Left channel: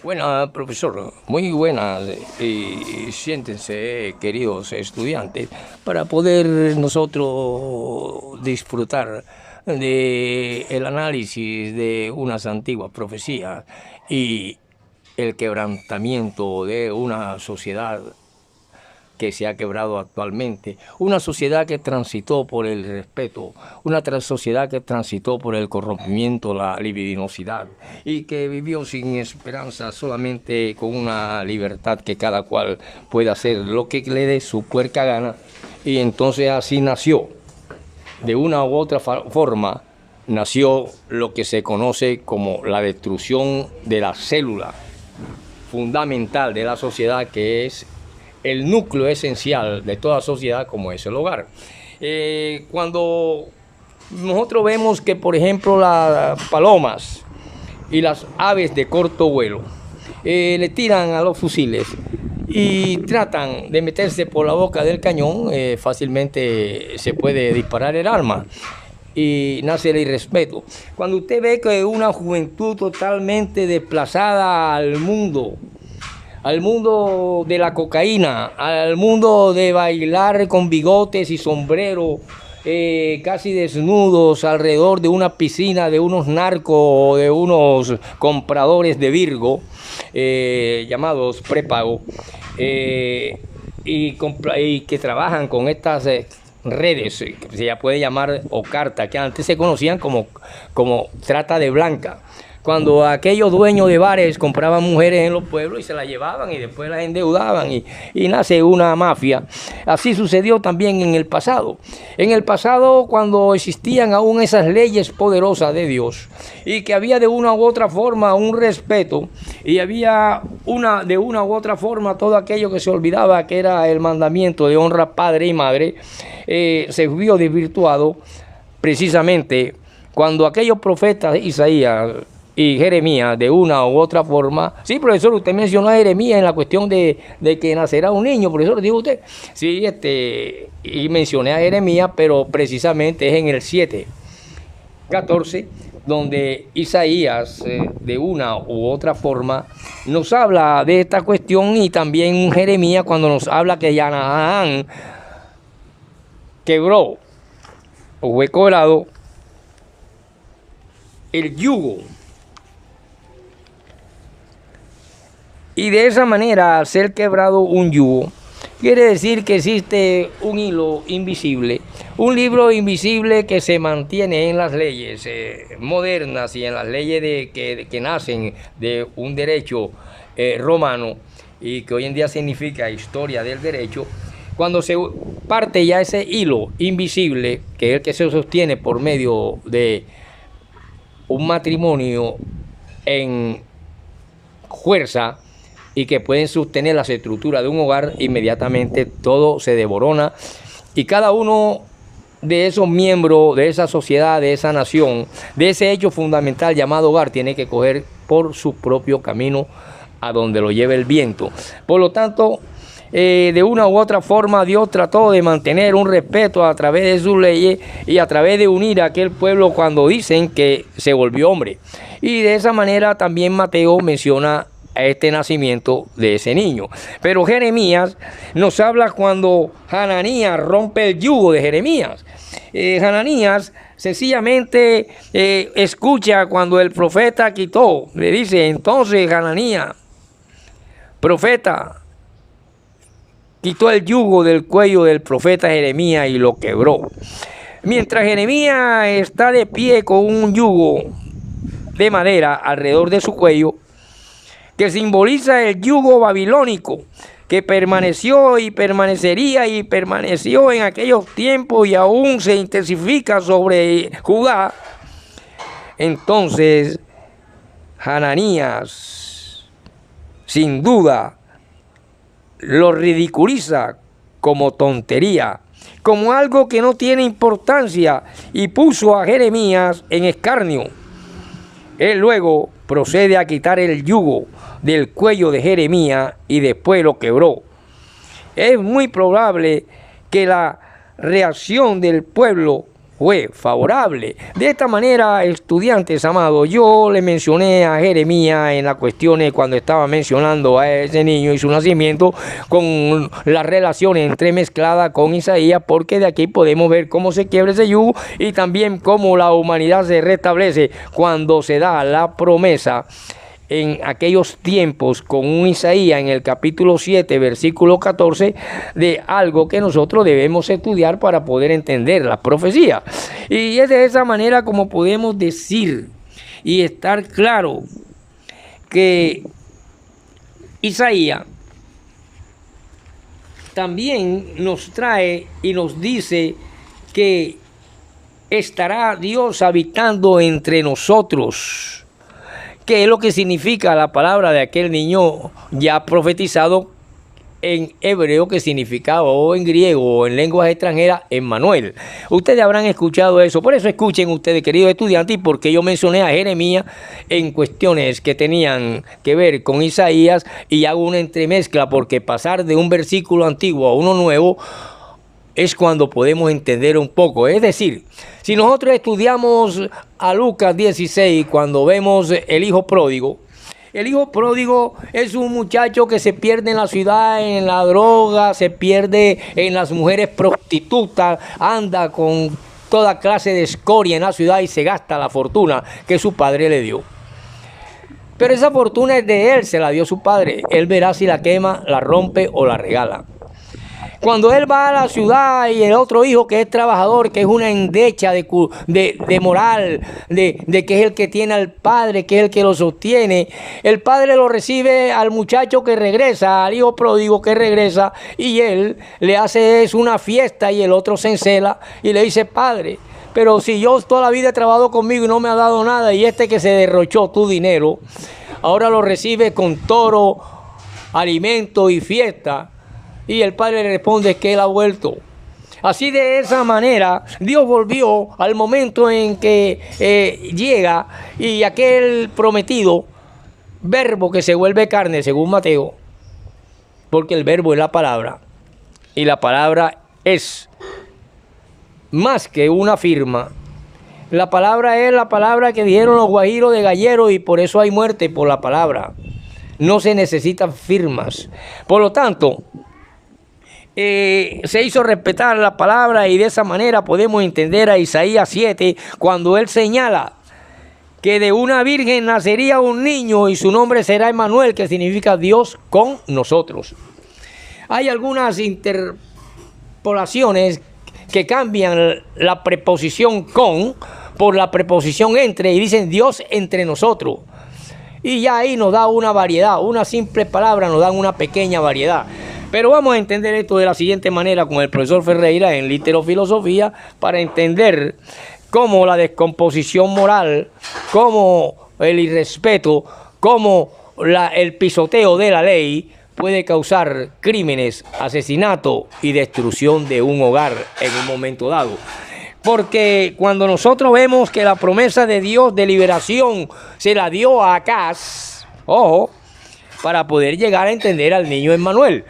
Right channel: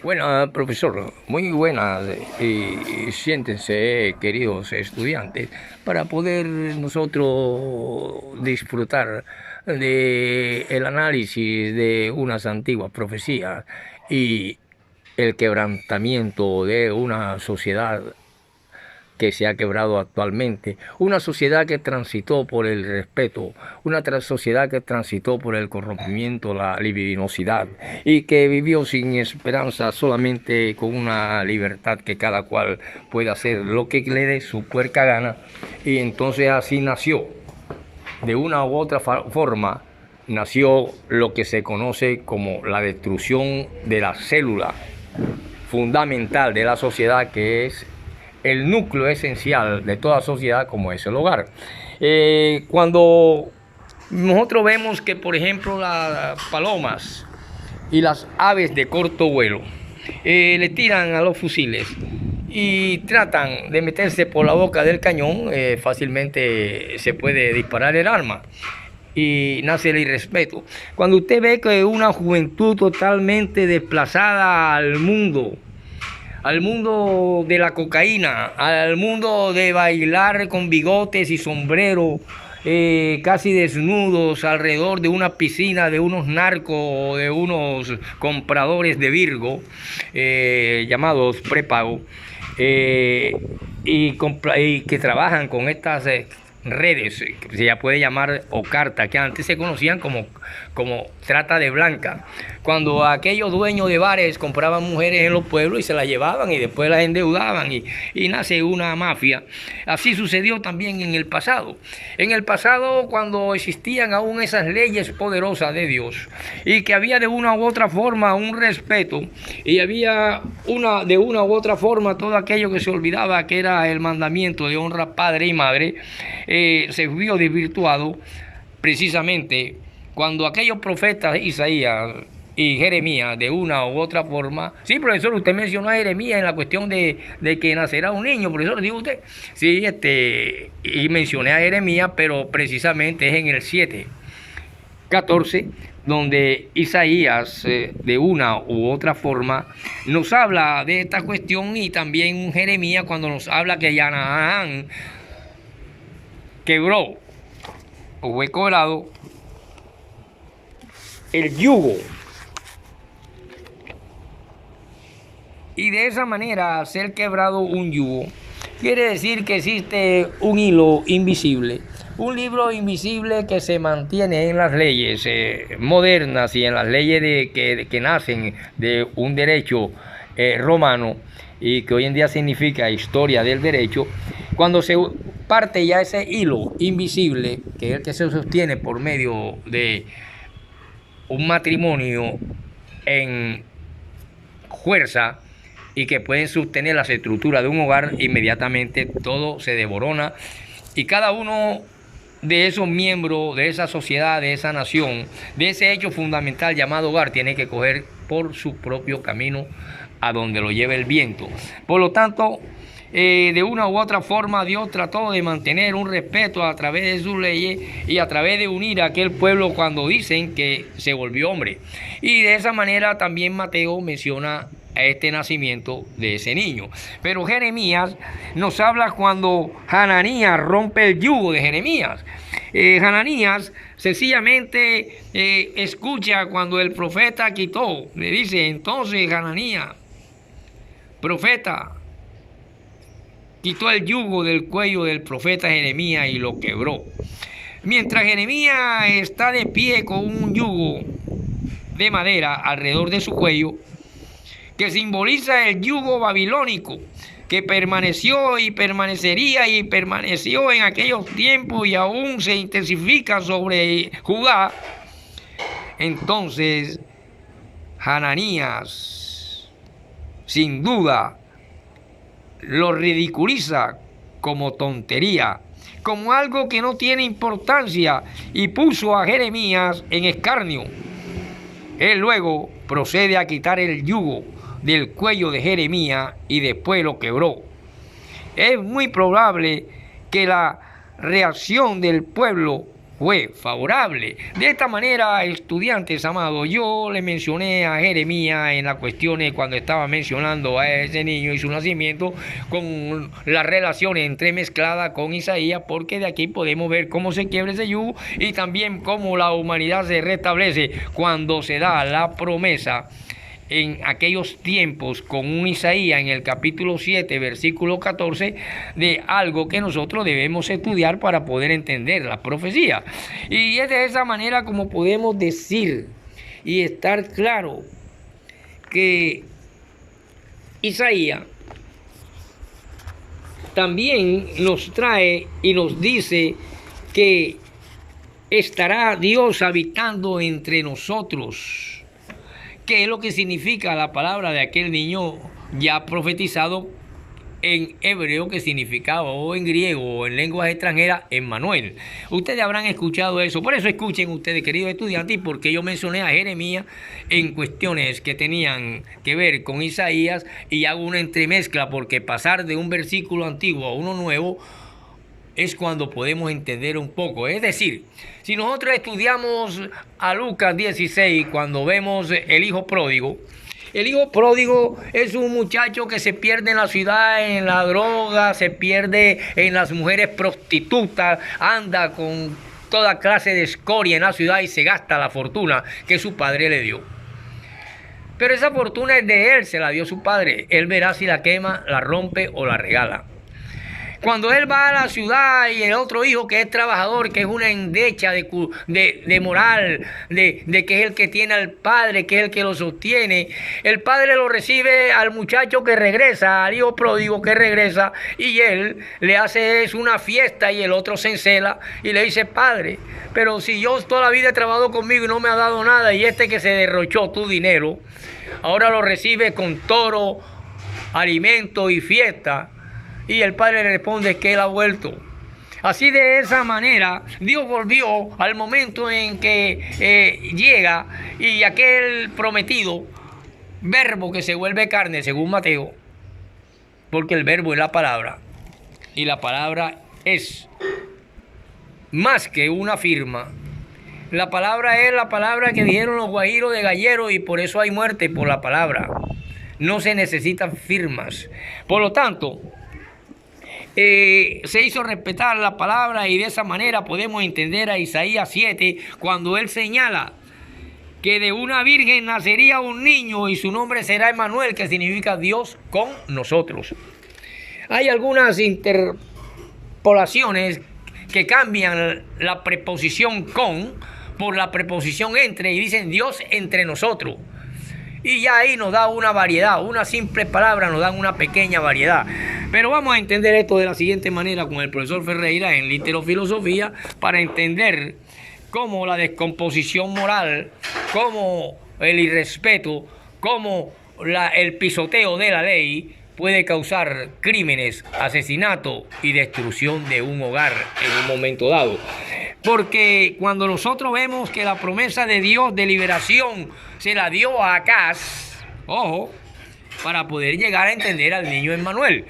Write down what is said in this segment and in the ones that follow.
Buena, profesor, muy buenas. Y siéntense, queridos estudiantes, para poder nosotros disfrutar de el análisis de unas antiguas profecías y el quebrantamiento de una sociedad que se ha quebrado actualmente, una sociedad que transitó por el respeto, una sociedad que transitó por el corrompimiento, la libidinosidad, y que vivió sin esperanza, solamente con una libertad que cada cual puede hacer lo que le dé su puerca gana, y entonces así nació, de una u otra forma, nació lo que se conoce como la destrucción de la célula fundamental de la sociedad, que es el núcleo esencial de toda sociedad, como es el hogar. Cuando nosotros vemos que, por ejemplo, las palomas y las aves de corto vuelo le tiran a los fusiles y tratan de meterse por la boca del cañón, fácilmente se puede disparar el arma y nace el irrespeto. Cuando usted ve que una juventud totalmente desplazada al mundo de la cocaína, al mundo de bailar con bigotes y sombrero, casi desnudos alrededor de una piscina de unos narcos o de unos compradores de Virgo, llamados prepago, y que trabajan con estas redes, que se ya puede llamar, o cartas, que antes se conocían como trata de blanca. Cuando aquellos dueños de bares compraban mujeres en los pueblos y se las llevaban y después las endeudaban y nace una mafia. Así sucedió también en el pasado. En el pasado, cuando existían aún esas leyes poderosas de Dios y que había de una u otra forma un respeto y había de una u otra forma todo aquello que se olvidaba que era el mandamiento de honra padre y madre, se vio desvirtuado precisamente cuando aquellos profetas Isaías y Jeremías, de una u otra forma. Sí, profesor, usted mencionó a Jeremías en la cuestión de que nacerá un niño, profesor, dijo usted. Sí, y mencioné a Jeremías, pero precisamente es en el 7:14, donde Isaías, de una u otra forma, nos habla de esta cuestión, y también Jeremías cuando nos habla que Canaán quebró o fue cobrado el yugo. Y de esa manera, al ser quebrado un yugo, quiere decir que existe un hilo invisible, un libro invisible que se mantiene en las leyes modernas y en las leyes que nacen de un derecho romano y que hoy en día significa historia del derecho. Cuando se parte ya ese hilo invisible, que es el que se sostiene por medio de un matrimonio en fuerza, y que pueden sostener las estructuras de un hogar, inmediatamente todo se desborona y cada uno de esos miembros de esa sociedad, de esa nación, de ese hecho fundamental llamado hogar, tiene que coger por su propio camino a donde lo lleve el viento. Por lo tanto, de una u otra forma Dios trató de mantener un respeto a través de sus leyes y a través de unir a aquel pueblo cuando dicen que se volvió hombre. Y de esa manera también Mateo menciona este nacimiento de ese niño. Pero Jeremías nos habla cuando Hananías rompe el yugo de Jeremías. Hananías sencillamente escucha cuando el profeta quitó, le dice: entonces Hananías, profeta, quitó el yugo del cuello del profeta Jeremías y lo quebró. Mientras Jeremías está de pie con un yugo de madera alrededor de su cuello, que simboliza el yugo babilónico, que permaneció y permanecería y permaneció en aquellos tiempos y aún se intensifica sobre Judá. Entonces, Hananías, sin duda, lo ridiculiza como tontería, como algo que no tiene importancia, y puso a Jeremías en escarnio. Él luego procede a quitar el yugo del cuello de Jeremías y después lo quebró. Es muy probable que la reacción del pueblo fue favorable. De esta manera, estudiantes amados, yo le mencioné a Jeremías en las cuestiones cuando estaba mencionando a ese niño y su nacimiento, con las relaciones entremezcladas con Isaías, porque de aquí podemos ver cómo se quiebra ese yugo y también cómo la humanidad se restablece cuando se da la promesa en aquellos tiempos con un Isaías en el capítulo 7, versículo 14, de algo que nosotros debemos estudiar para poder entender la profecía. Y es de esa manera como podemos decir y estar claro que Isaías también nos trae y nos dice que estará Dios habitando entre nosotros. ¿Qué es lo que significa la palabra de aquel niño ya profetizado en hebreo, que significaba, o en griego, o en lenguas extranjeras, Emmanuel? Ustedes habrán escuchado eso. Por eso escuchen ustedes, queridos estudiantes, y porque yo mencioné a Jeremías en cuestiones que tenían que ver con Isaías, y hago una entremezcla, porque pasar de un versículo antiguo a uno nuevo es cuando podemos entender un poco. Es decir, si nosotros estudiamos a Lucas 16, cuando vemos el hijo pródigo es un muchacho que se pierde en la ciudad, en la droga, se pierde en las mujeres prostitutas, anda con toda clase de escoria en la ciudad y se gasta la fortuna que su padre le dio. Pero esa fortuna es de él, se la dio su padre. Él verá si la quema, la rompe o la regala. Cuando él va a la ciudad y el otro hijo que es trabajador, que es una endecha de moral, de que es el que tiene al padre, que es el que lo sostiene, el padre lo recibe al muchacho que regresa, al hijo pródigo que regresa, y él le hace una fiesta y el otro se encela y le dice: padre, pero si yo toda la vida he trabajado conmigo y no me ha dado nada, y este que se derrochó tu dinero, ahora lo recibe con toro, alimento y fiesta. Y el padre le responde que él ha vuelto. Así, de esa manera, Dios volvió al momento en que llega y aquel prometido, verbo que se vuelve carne, según Mateo, porque el verbo es la palabra, y la palabra es más que una firma. La palabra es la palabra que dijeron los guajiros de Gallero, y por eso hay muerte por la palabra. No se necesitan firmas. Por lo tanto, se hizo respetar la palabra, y de esa manera podemos entender a Isaías 7, cuando él señala que de una virgen nacería un niño y su nombre será Emmanuel, que significa Dios con nosotros. Hay algunas interpolaciones que cambian la preposición con por la preposición entre y dicen Dios entre nosotros. Y ya ahí nos da una variedad, una simple palabra nos da una pequeña variedad. Pero vamos a entender esto de la siguiente manera con el profesor Ferreira en Literofilosofía, para entender cómo la descomposición moral, cómo el irrespeto, cómo el pisoteo de la ley puede causar crímenes, asesinato y destrucción de un hogar en un momento dado. Porque cuando nosotros vemos que la promesa de Dios de liberación se la dio a Acaz, ojo, para poder llegar a entender al niño Emmanuel.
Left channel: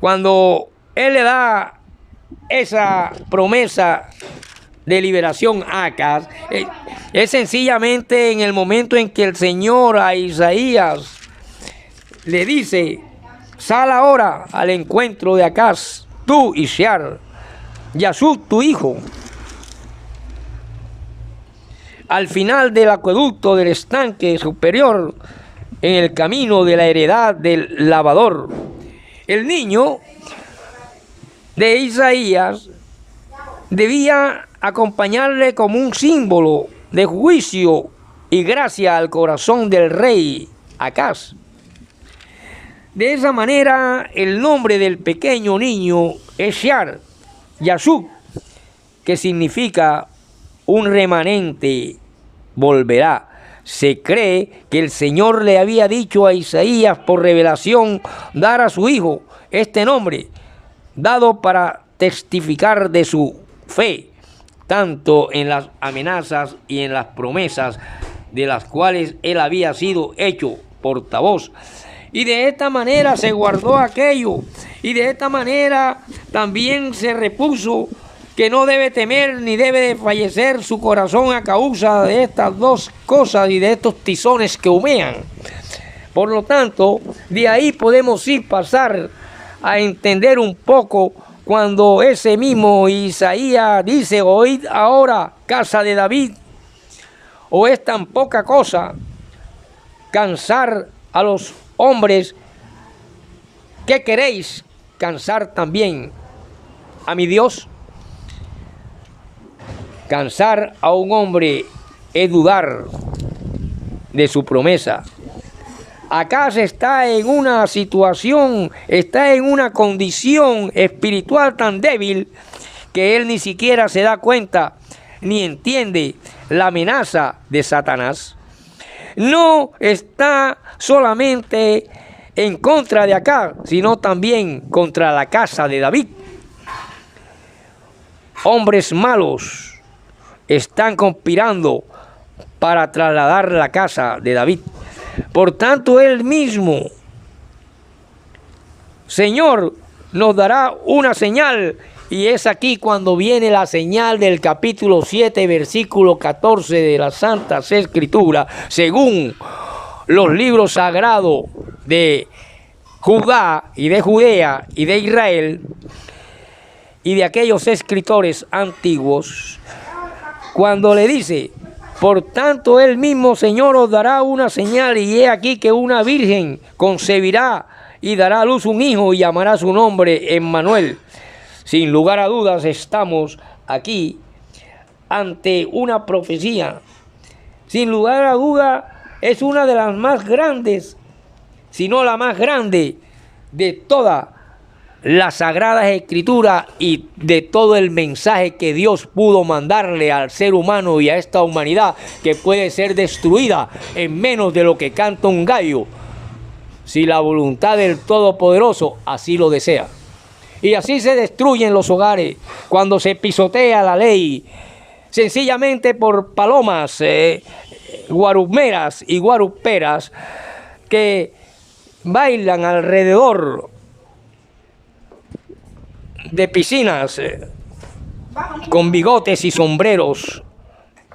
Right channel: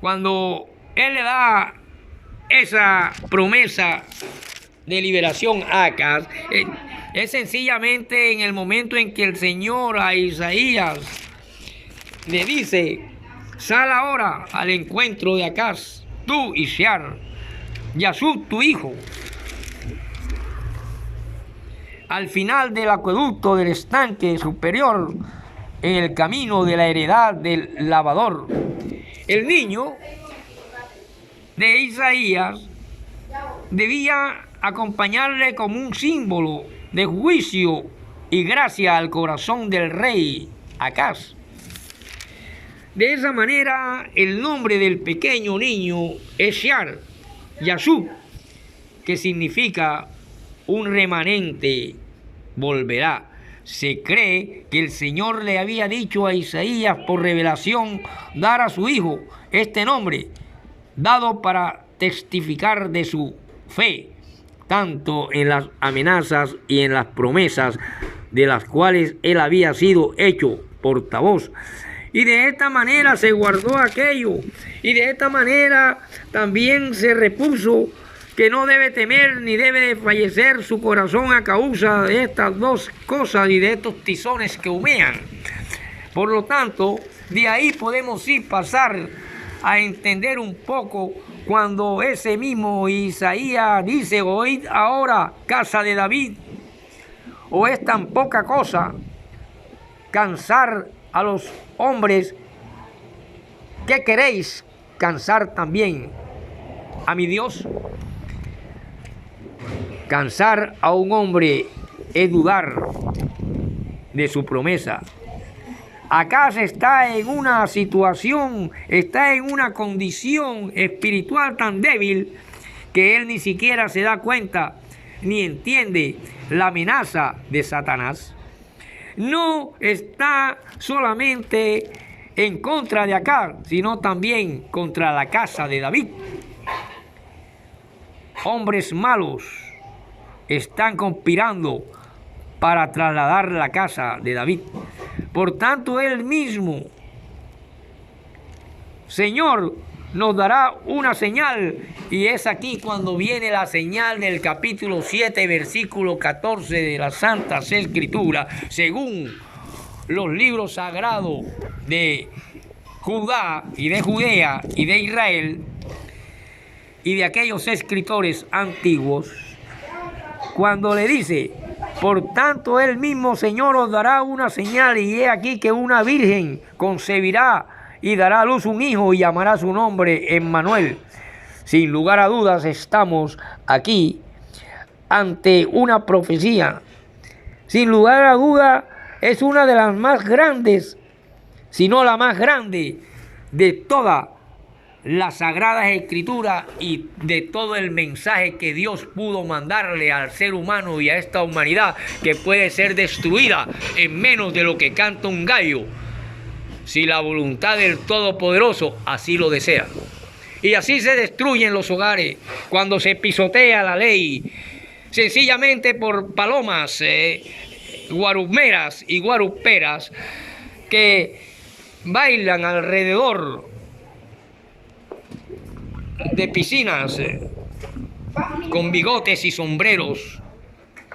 Cuando él le da esa promesa de liberación a Acaz, es sencillamente en el momento en que el Señor a Isaías le dice: sal ahora al encuentro de Acaz, tú y Shear, Yasub tu hijo, al final del acueducto del estanque superior, en el camino de la heredad del lavador. El niño de Isaías debía acompañarle como un símbolo de juicio y gracia al corazón del rey Acaz. De esa manera, el nombre del pequeño niño es Shear, Yasub, que significa un remanente volverá. Se cree que el Señor le había dicho a Isaías por revelación dar a su hijo este nombre, dado para testificar de su fe, tanto en las amenazas y en las promesas de las cuales él había sido hecho portavoz. Y de esta manera se guardó aquello, y de esta manera también se repuso que no debe temer ni debe de fallecer su corazón a causa de estas dos cosas y de estos tizones que humean. Por lo tanto, de ahí podemos pasar a entender un poco cuando ese mismo Isaías dice: oíd ahora, casa de David, o es tan poca cosa cansar a los hombres, ¿qué queréis cansar también a mi Dios? Cansar a un hombre es dudar de su promesa. Acá se está en una situación, está en una condición espiritual tan débil que él ni siquiera se da cuenta ni entiende la amenaza de Satanás. No está solamente en contra de acá, sino también contra la casa de David. Hombres malos están conspirando para trasladar la casa de David. Por tanto, él mismo, Señor, nos dará una señal, y es aquí cuando viene la señal del capítulo 7, versículo 14 de la Santa Escritura, según los libros sagrados de Judá y de Judea y de Israel y de aquellos escritores antiguos, cuando le dice: por tanto, él mismo, Señor, os dará una señal, y he aquí que una virgen concebirá y dará a luz un hijo y llamará su nombre Emmanuel. Sin lugar a dudas, estamos aquí ante una profecía. Sin lugar a duda, es una de las más grandes, si no la más grande de toda las Sagradas Escrituras y de todo el mensaje que Dios pudo mandarle al ser humano y a esta humanidad, que puede ser destruida en menos de lo que canta un gallo, si la voluntad del Todopoderoso así lo desea. Y así se destruyen los hogares cuando se pisotea la ley, sencillamente por palomas, guarumeras y guaruperas que bailan alrededor de piscinas con bigotes y sombreros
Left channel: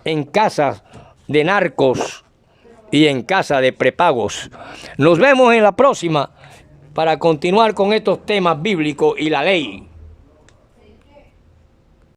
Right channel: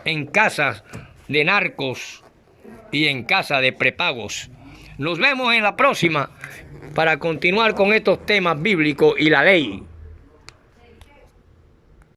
en casas de narcos y en casa de prepagos. Nos vemos en la próxima para continuar con estos temas bíblicos y la ley.